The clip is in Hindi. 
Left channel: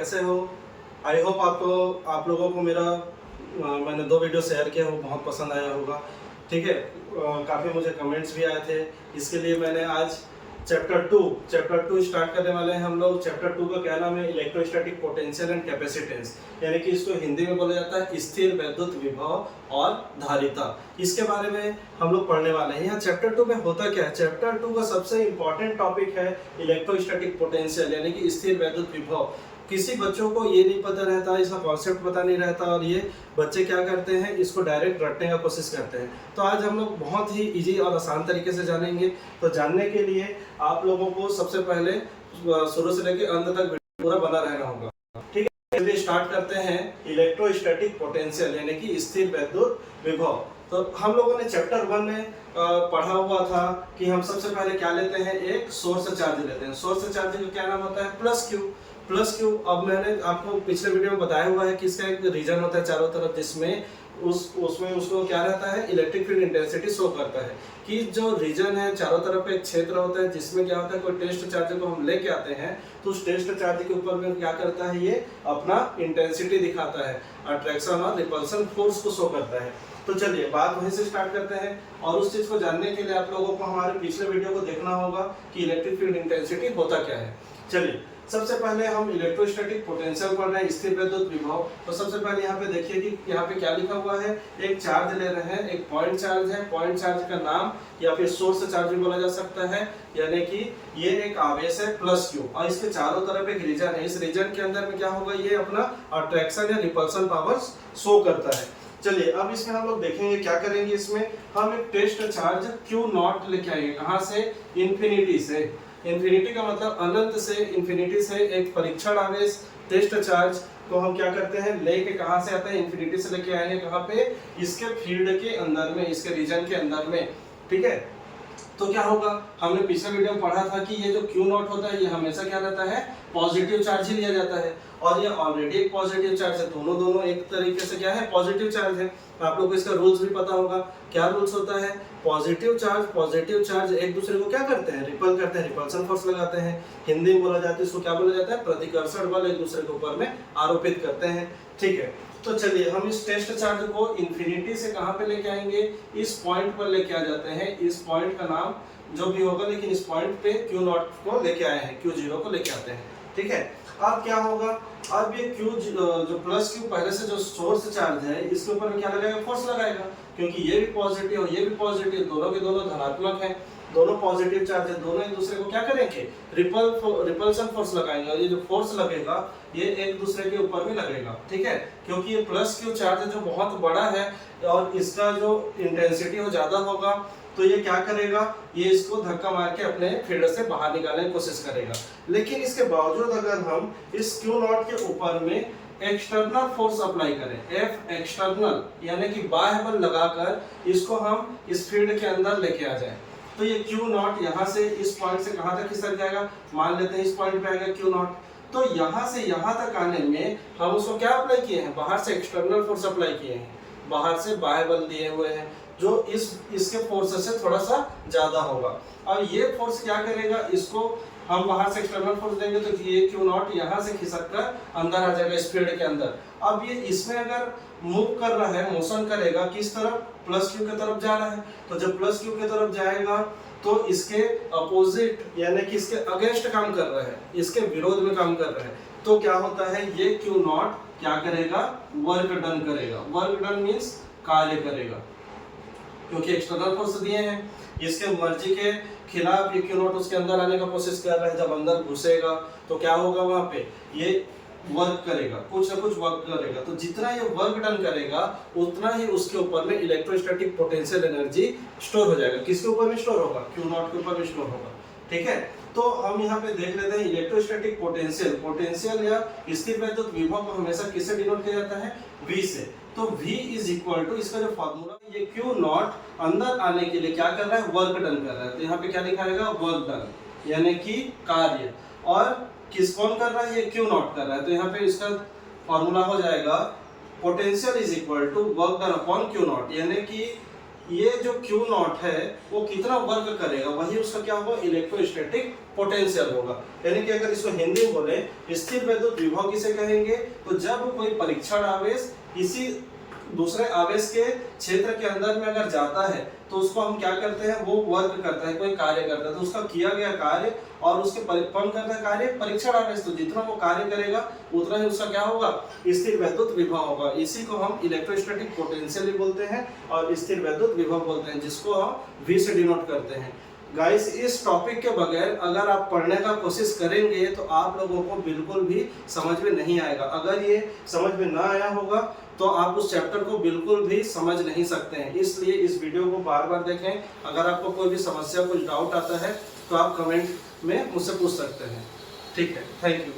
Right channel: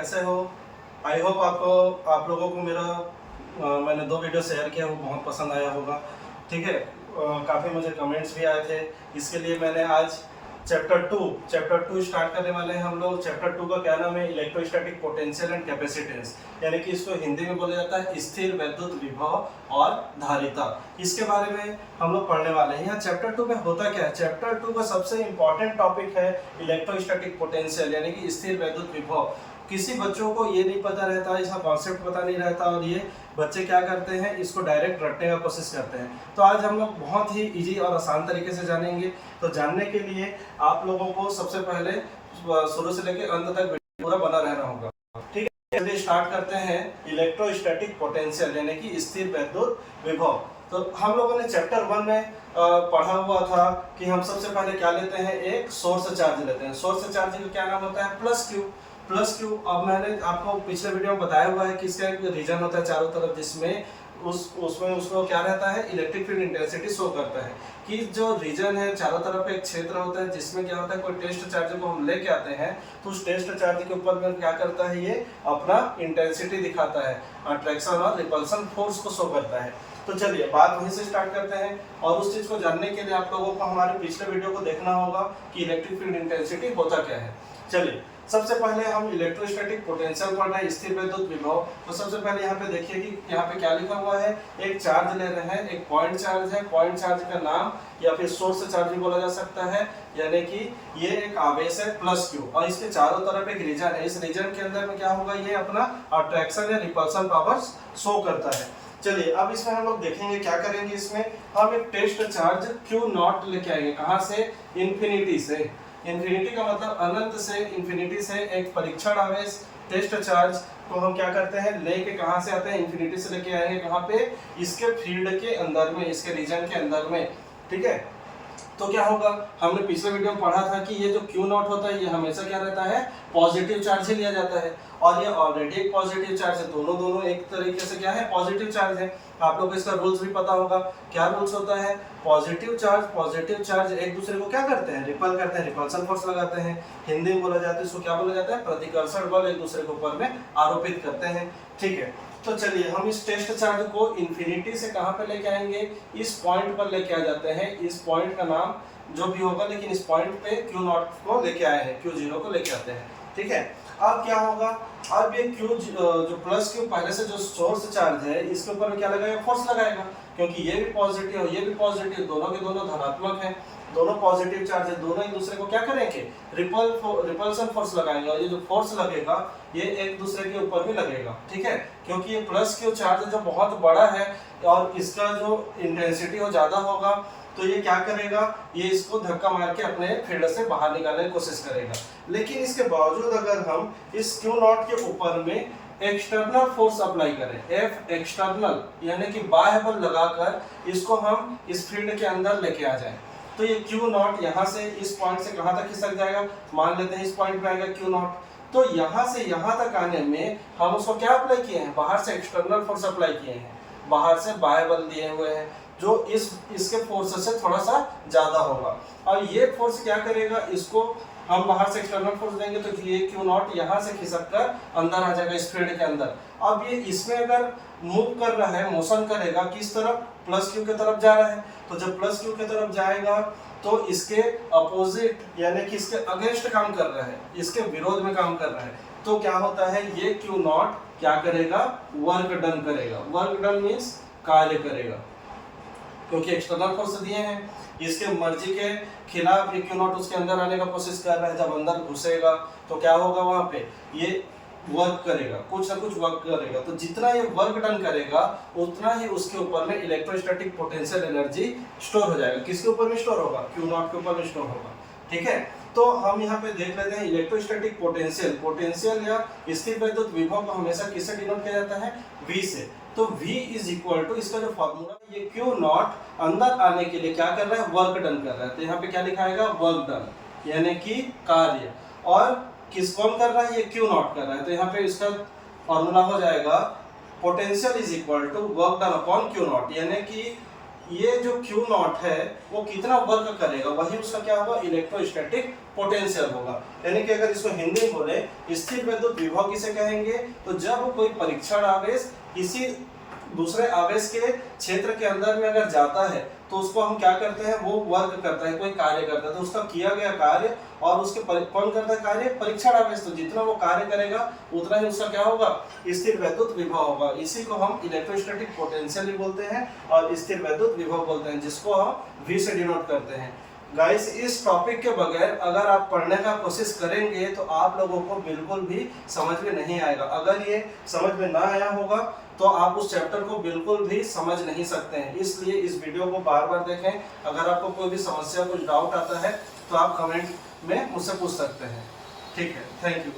कैसे हो? आई होप आप लोगों को मेरा मैंने 2 वीडियो शेयर किया वो बहुत पसंद आया होगा। ठीक है, काफ़ी मुझे कमेंट्स भी आए थे। इसके लिए मैंने आज चैप्टर 2 स्टार्ट करने वाले हैं हम लोग। चैप्टर 2 का क्या नाम है? इलेक्ट्रोस्टैटिक पोटेंशियल एंड कैपेसिटेंस, यानी कि इसको हिंदी में बोला जाता है स्थिर वैद्युत विभव और धारिता। इसके बारे में हम लोग पढ़ने वाले हैं। यहाँ चैप्टर 2 में होता क्या है? चैप्टर 2 का सबसे इंपॉर्टेंट टॉपिक है इलेक्ट्रोस्टैटिक पोटेंशियल, यानी कि स्थिर वैद्युत विभव। किसी बच्चों को ये नहीं पता रहता, इसका कॉन्सेप्ट पता नहीं रहता, और ये बच्चे क्या करते हैं, इसको डायरेक्ट रटने का कोशिश करते हैं। तो आज हम लोग बहुत ही इजी और आसान तरीके से जानेंगे। तो जानने के लिए आप लोगों को सबसे पहले शुरू से लेकर अंत तक वीडियो पूरा बना रहना होगा। ठीक है, चलिए स्टार्ट करते हैं। इलेक्ट्रोस्टैटिक पोटेंशियल यानी कि स्थिर वैद्युत विभव। तो हम लोगों ने चैप्टर 1 में पढ़ा हुआ था कि हम सबसे पहले क्या लेते हैं, एक सोर्स चार्ज लेते हैं। सोर्स चार्ज का क्या नाम होता है? Plus Q. अब मैंने आपको पिछले वीडियो में बताया हुआ है कि इसका एक रीजन होता है चारों तरफ, जिसमें उसमें उसको क्या रहता है, इलेक्ट्रिक फील्ड इंटेंसिटी शो करता है कि जो रीजन है चारों तरफ एक क्षेत्र होता है जिसमें क्या होता है, कोई टेस्ट चार्ज को हम लेके आते हैं तो उस टेस्ट चार्ज के ऊपर में क्या करता है, ये अपना इंटेंसिटी दिखाता है, अट्रैक्शन और रिपल्सन फोर्स को शो करता है। तो चलिए बात वहीं से स्टार्ट करते हैं। और उस चीज को जानने के लिए आप लोगों को हमारे पिछले वीडियो को देखना होगा कि इलेक्ट्रिक फील्ड इंटेंसिटी होता क्या है। चलिए सबसे पहले हम इलेक्ट्रोस्टैटिक पोटेंशियल पढ़ रहे हैं, स्थिर वैद्युत विभव। तो सबसे पहले यहाँ पे देखिए कि यहाँ पे क्या लिखा हुआ है, एक चार्ज ले रहे हैं, एक पॉइंट चार्ज है। पॉइंट चार्ज का नाम या फिर सोर्स चार्ज भी बोला जा सकता है, यानी कि ये एक आवेश है प्लस क्यू, और इसके चारों तरफ एक रीजन है। इस रीजन के अंदर में क्या होगा, ये अपना अट्रैक्शन या रिपल्सन पावर शो करता है। चलिए अब इसमें हम लोग देखेंगे क्या करेंगे। इसमें हम एक टेस्ट चार्ज क्यू नॉट लेके आएंगे। कहाँ से? इन्फिनिटी से। इन्फिनिटी का मतलब अनंत से, इन्फिनिटी से एक परीक्षण आवेश टेस्ट चार्ज को हम क्या करते हैं, लेके कहाँ से आते हैं, इन्फिनिटी से लेके आएंगे। कहाँ पे? इसके फील्ड के अंदर में, इसके रीजन के अंदर में। ठीक है, तो क्या होगा, हमने पिछले वीडियो में पढ़ा था कि ये जो क्यू नॉट होता है ये हमेशा क्या रहता है, पॉजिटिव चार्ज ही लिया जाता है, और ये ऑलरेडी एक पॉजिटिव चार्ज है। दोनों एक तरीके से क्या है, पॉजिटिव चार्ज है। आप लोग को इसका रूल्स भी पता होगा। क्या रूल्स होता है? पॉजिटिव चार्ज एक दूसरे को क्या करते हैं, रिपल करते हैं, रिपल्सन फोर्स लगाते हैं। हिंदी में बोला जाता है, इसको क्या बोला जाता है, प्रतिकर्षण बल एक दूसरे के ऊपर में आरोपित करते हैं। ठीक है, तो चलिए हम इस टेस्ट चार्ज को इन्फिनिटी से कहां पे लेके आएंगे, इस पॉइंट पर लेके आ जाते हैं। इस पॉइंट का नाम जो भी होगा, लेकिन इस पॉइंट पे क्यू नॉट को लेके आए हैं, क्यू जीरो को लेके आते हैं। ठीक है, अब क्या होगा, अब ये क्यू जो प्लस क्यू पहले से जो सोर्स चार्ज है इसके ऊपर क्या लगाएगा, फोर्स लगाएगा, क्योंकि ये भी पॉजिटिव और ये भी पॉजिटिव, दोनों के दोनों धनात्मक हैं, दोनों पॉजिटिव चार्ज है, दोनों एक दूसरे को क्या करेंगे, रिपल्सन फोर्स लगाएंगे, और ये जो फोर्स लगेगा ये एक दूसरे के ऊपर भी लगेगा। ठीक है, क्योंकि ये प्लस क्यू चार्ज जो बहुत बड़ा है और इसका जो इंटेंसिटी हो ज्यादा होगा, तो ये क्या करेगा, ये इसको धक्का मार के अपने फील्ड से बाहर निकालने की कोशिश करेगा। लेकिन इसके बावजूद अगर हम इस क्यू नॉट के ऊपर में एक्सटर्नल फोर्स अप्लाई करें, एफ एक्सटर्नल यानी कि बाह्य बल लगाकर इसको हम इस फील्ड के अंदर लेके आ जाए, तो ये क्यू नॉट यहाँ से इस पॉइंट से कहाँ तक खिसक जाएगा, मान लेते हैं इस पॉइंट पे आएगा क्यू नॉट। तो यहाँ से यहाँ तक आने में हम उसको क्या अप्लाई किए हैं, बाहर से एक्सटर्नल फोर्स अप्लाई किए हैं, बाहर से बाह्य बल दिए हुए हैं, जो इसके फोर्स से थोड़ा सा ज्यादा होगा। और ये फोर्स क्या करेगा, इसको हम बाहर से एक्सटर्नल फोर्स देंगे तो ये क्यू नॉट यहाँ से खिसक कर अंदर आ जाएगा इस फील्ड के अंदर। अब ये इसमें अगर मूव कर रहा है, मोशन करेगा, किस तरफ, प्लस क्यू की तरफ जा रहा है, तो जब प्लस क्यू की तरफ जाएगा तो इसके अपोजिट यानी कि इसके अगेंस्ट काम कर रहा है, इसके विरोध में काम कर रहा है, तो क्या होता है, ये क्यू नॉट क्या करेगा, वर्क डन करेगा। वर्क डन मीन्स कार्य करेगा, क्योंकि एक्सटर्नल फोर्स दिए हैं, इसके मर्जी के खिलाफ ये क्यू नॉट उसके अंदर आने का कोशिश कर रहा है। जब अंदर घुसेगा तो क्या होगा, वहां पे ये वर्क करेगा, कुछ ना कुछ वर्क करेगा। तो जितना ये वर्क डन करेगा उतना ही उसके ऊपर में इलेक्ट्रोस्टैटिक पोटेंशियल एनर्जी स्टोर हो जाएगा। किसके ऊपर में स्टोर होगा, क्यू नॉट के ऊपर में स्टोर होगा। ठीक है, तो हम यहाँ पे देख लेते हैं इलेक्ट्रोस्टैटिक पोटेंशियल या स्थिर वैद्युत विभव को हमेशा किससे डिनोट किया जाता है, V से। तो V इज इक्वल टू, इसका जो फॉर्मूला है, ये क्यू नॉट अंदर आने के लिए क्या कर रहा है, वर्क डन कर रहा है। तो यहाँ पे क्या लिखा है, वर्क डन यानी कि कार्य, और किस कौन कर रहा है, ये क्यू नॉट कर रहा है। तो यहाँ पे इसका फॉर्मूला हो जाएगा potential is equal to work done upon Q naught, यानी कि ये जो Q नॉट है वो कितना वर्क करेगा, वही उसका क्या होगा, इलेक्ट्रोस्टैटिक पोटेंशियल होगा। यानी कि अगर इसको हिंदी में बोले स्थिर वैद्युत विभव किसे कहेंगे, तो जब कोई परीक्षण आवेश किसी दूसरे आवेश के क्षेत्र के अंदर में अगर जाता है तो उसको हम क्या करते हैं, वो वर्क करता है, कोई कार्य करता है, तो उसका किया गया कार्य और उसके कौन करता है कार्य, परीक्षण आवेश, तो जितना वो कार्य करेगा उतना ही उसका क्या होगा, स्थिर वैद्युत विभव होगा। इसी को हम इलेक्ट्रोस्टैटिक पोटेंशियल बोलते हैं और स्थिर वैद्युत विभव बोलते हैं, जिसको हम V से डिनोट करते हैं। गाइस, इस टॉपिक के बगैर अगर आप पढ़ने का कोशिश करेंगे तो आप लोगों को बिल्कुल भी समझ में नहीं आएगा। अगर ये समझ में ना आया होगा तो आप उस चैप्टर को बिल्कुल भी समझ नहीं सकते हैं। इसलिए इस वीडियो को बार बार देखें। अगर आपको कोई भी समस्या, कुछ डाउट आता है तो आप कमेंट में मुझसे पूछ सकते हैं। ठीक है, थैंक यू।